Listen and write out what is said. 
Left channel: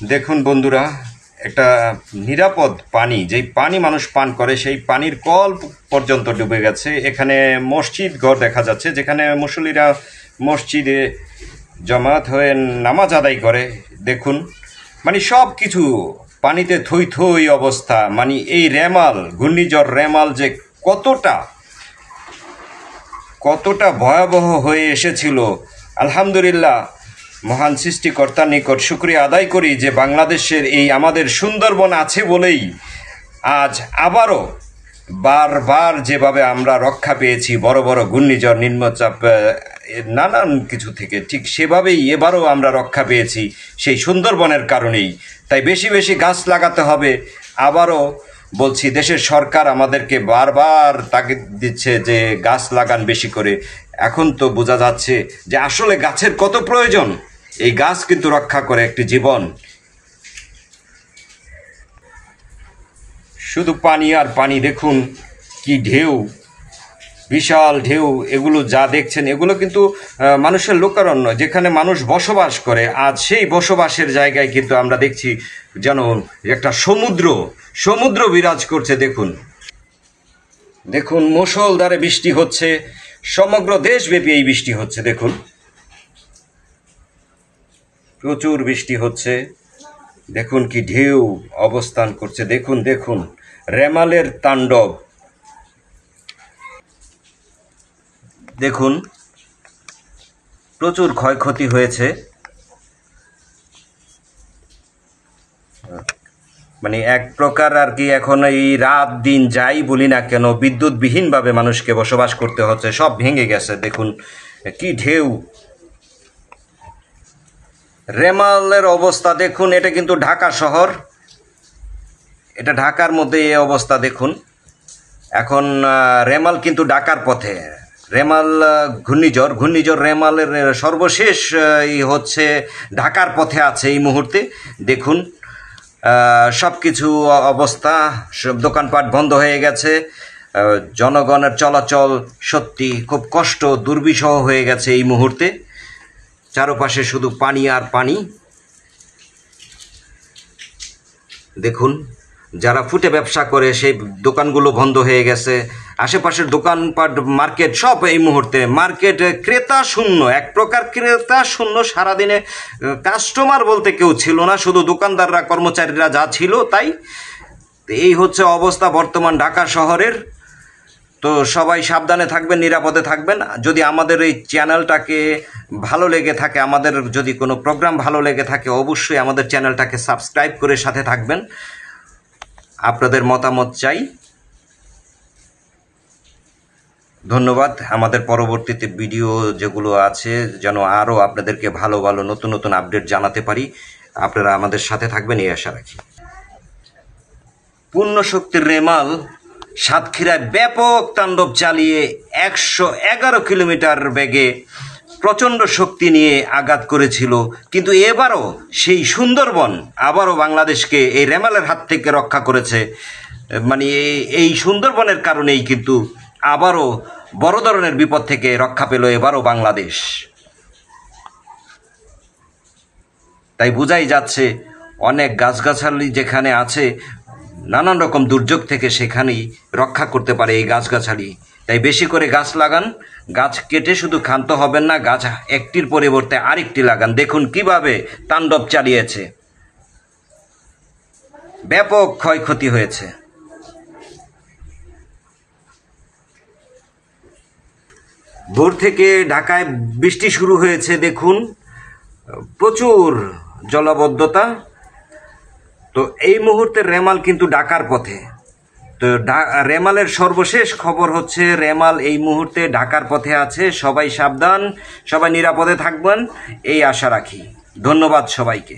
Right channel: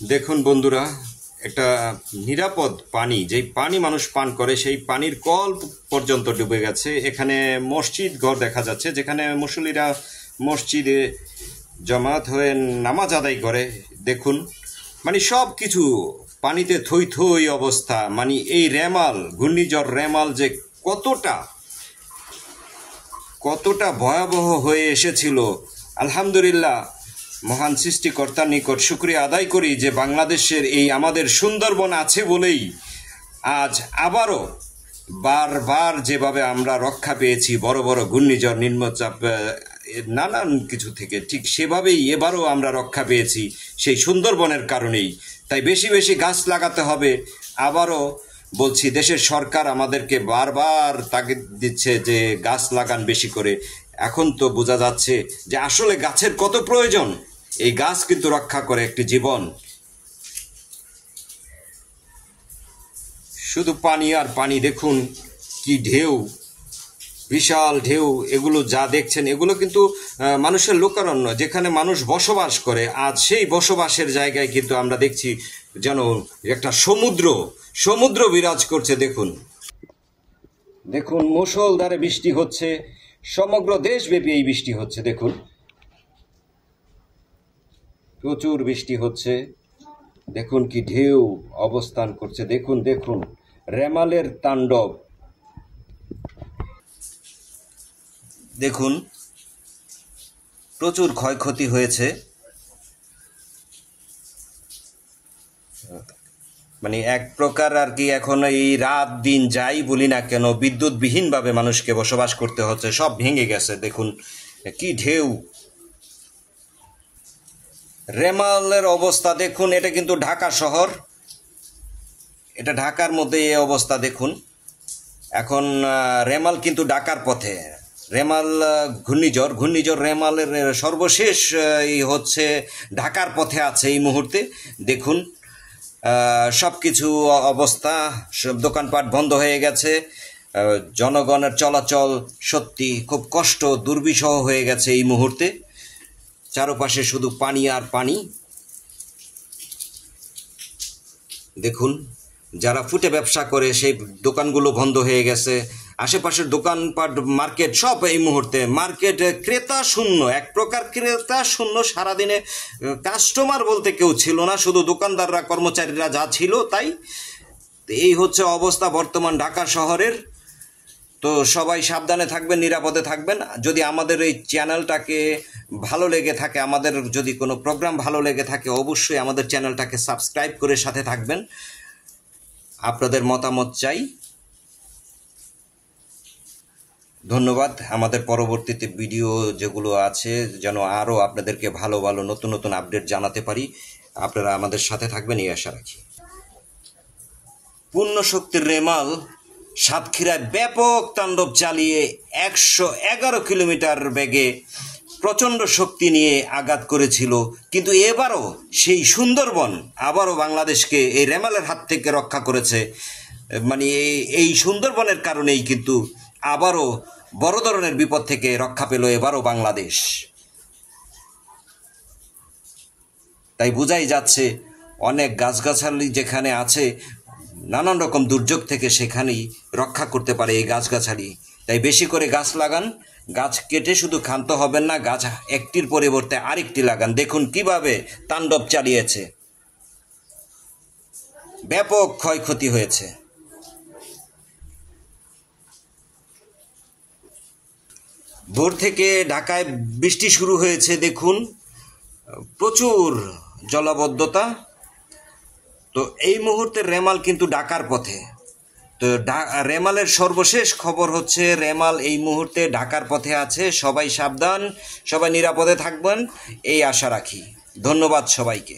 দেখুন বন্ধুরা, একটা নিরাপদ পানি, যেই পানি মানুষ পান করে সেই পানির কল পর্যন্ত ডুবে গেছে। এখানে মসজিদ ঘর দেখা যাচ্ছে, যেখানে মুসল্লিরা মসজিদে জমায়েত হয়ে নামাজ আদায় করে। দেখুন, মানে সব কিছু পানিতে থই থই অবস্থা। মানে এই রেমাল, ঘূর্ণিঝড় রেমাল যে কতটা ভয়াবহ হয়ে এসেছিল। আলহামদুলিল্লাহ, মহান সৃষ্টিকর্তার নিকট শুকরিয়া আদায় করি যে বাংলাদেশের এই আমাদের সুন্দরবন আছে বলেই আজ আবারও বারবার যেভাবে আমরা রক্ষা পেয়েছি বড় বড় ঘূর্ণিঝড়, নিম্নচাপ, নানান কিছু থেকে, ঠিক সেভাবেই এবারও আমরা রক্ষা পেয়েছি সেই সুন্দরবনের কারণেই। তাই বেশি বেশি গাছ লাগাতে হবে। আবারও বলছি, দেশের সরকার আমাদেরকে বারবার তাগিদ দিচ্ছে যে গাছ লাগান বেশি করে। এখন তো বোঝা যাচ্ছে যে আসলে গাছের কত প্রয়োজন। এই গাছ কিন্তু রক্ষা করে একটি জীবন। শুধু পানি আর পানি। দেখুন কি ঢেউ, বিশাল ঢেউ। এগুলো যা দেখছেন এগুলো কিন্তু মানুষের লোকারণ্য, যেখানে মানুষ বসবাস করে। আজ সেই বসবাসের জায়গায় কিন্তু আমরা দেখছি যেন একটা সমুদ্র বিরাজ করছে। দেখুন মুষলধারে বৃষ্টি হচ্ছে, সমগ্র দেশব্যাপী এই বৃষ্টি হচ্ছে। দেখুন প্রচুর বৃষ্টি হচ্ছে। দেখুন কি ঢেউ অবস্থান করছে। দেখুন রেমালের তাণ্ডব। দেখুন প্রচুর ক্ষয়ক্ষতি হয়েছে। মানে এক প্রকার আর কি, এখন এই রাত দিন যাই বলি না কেন, বিদ্যুৎবিহীনভাবে মানুষকে বসবাস করতে হচ্ছে। সব ভেঙে গেছে। দেখুন কি ঢেউ। রেমালের অবস্থা দেখুন। এটা কিন্তু ঢাকা শহর, এটা ঢাকার মধ্যে এই অবস্থা। দেখুন এখন রেমাল কিন্তু ঢাকার পথে। রেমাল ঘূর্ণিঝড় রেমালের সর্বশেষ হচ্ছে ঢাকার পথে আছে এই মুহূর্তে। দেখুন সব কিছু অবস্থা, সব দোকানপাট বন্ধ হয়ে গেছে। জনগণের চলাচল সত্যি খুব কষ্ট, দুর্বিষহ হয়ে গেছে এই মুহূর্তে। চারপাশে শুধু পানি আর পানি। দেখুন যারা ফুটে ব্যবসা করে সেই দোকানগুলো বন্ধ হয়ে গেছে। আশেপাশের দোকানপাট, মার্কেট সব এই মুহূর্তে মার্কেট ক্রেতা শূন্য, এক প্রকার ক্রেতা শূন্য। সারাদিনে কাস্টমার বলতে কেউ ছিল না, শুধু দোকানদাররা, কর্মচারীরা যা ছিল তাই। এই হচ্ছে অবস্থা বর্তমান ঢাকা শহরের। তো সবাই সাবধানে থাকবেন, নিরাপদে থাকবেন। যদি আমাদের এই চ্যানেলটাকে ভালো লেগে থাকে, আমাদের যদি কোনো প্রোগ্রাম ভালো লেগে থাকে, অবশ্যই আমাদের চ্যানেলটাকে সাবস্ক্রাইব করে সাথে থাকবেন। আপনাদের মতামত চাই। ধন্যবাদ। আমাদের পরবর্তীতে ভিডিও যেগুলো আছে যেন আরও আপনাদেরকে ভালো নতুন আপডেট জানাতে পারি। আপনারা আমাদের সাথে থাকবেন এই আশা রাখি। পূর্ণ শক্তির রেমাল সাতক্ষীরায় ব্যাপক তাণ্ডব চালিয়ে 111 কিলোমিটার বেগে প্রচণ্ড শক্তি নিয়ে আঘাত করেছিল। কিন্তু এবারও সেই সুন্দরবন আবারও বাংলাদেশকে এই রেমালের হাত থেকে রক্ষা করেছে। মানে এই সুন্দরবনের কারণেই কিন্তু আবারও বড় ধরনের বিপদ থেকে রক্ষা পেল এবারও বাংলাদেশ। তাই বোঝাই যাচ্ছে অনেক গাছগাছালি যেখানে আছে, নানান রকম দুর্যোগ থেকে সেখানেই রক্ষা করতে পারে এই গাছগাছালি। তাই বেশি করে গাছ লাগান। গাছ কেটে শুধু ক্ষান্ত হবেন না, গাছ একটির পরিবর্তে আরেকটি লাগান। দেখুন কিভাবে তাণ্ডব চালিয়েছে, ব্যাপক ক্ষয়ক্ষতি হয়েছে। ভোর থেকে ঢাকায় বৃষ্টি শুরু হয়েছে। দেখুন প্রচুর জলাবদ্ধতা। তো এই মুহূর্তে রেমাল কিন্তু ঢাকার পথে। তো রেমালের সর্বশেষ খবর হচ্ছে রেমাল এই মুহূর্তে ঢাকার পথে আছে। সবাই সাবধান, সবাই নিরাপদে থাকবেন এই আশা রাখি। ধন্যবাদ সবাইকে।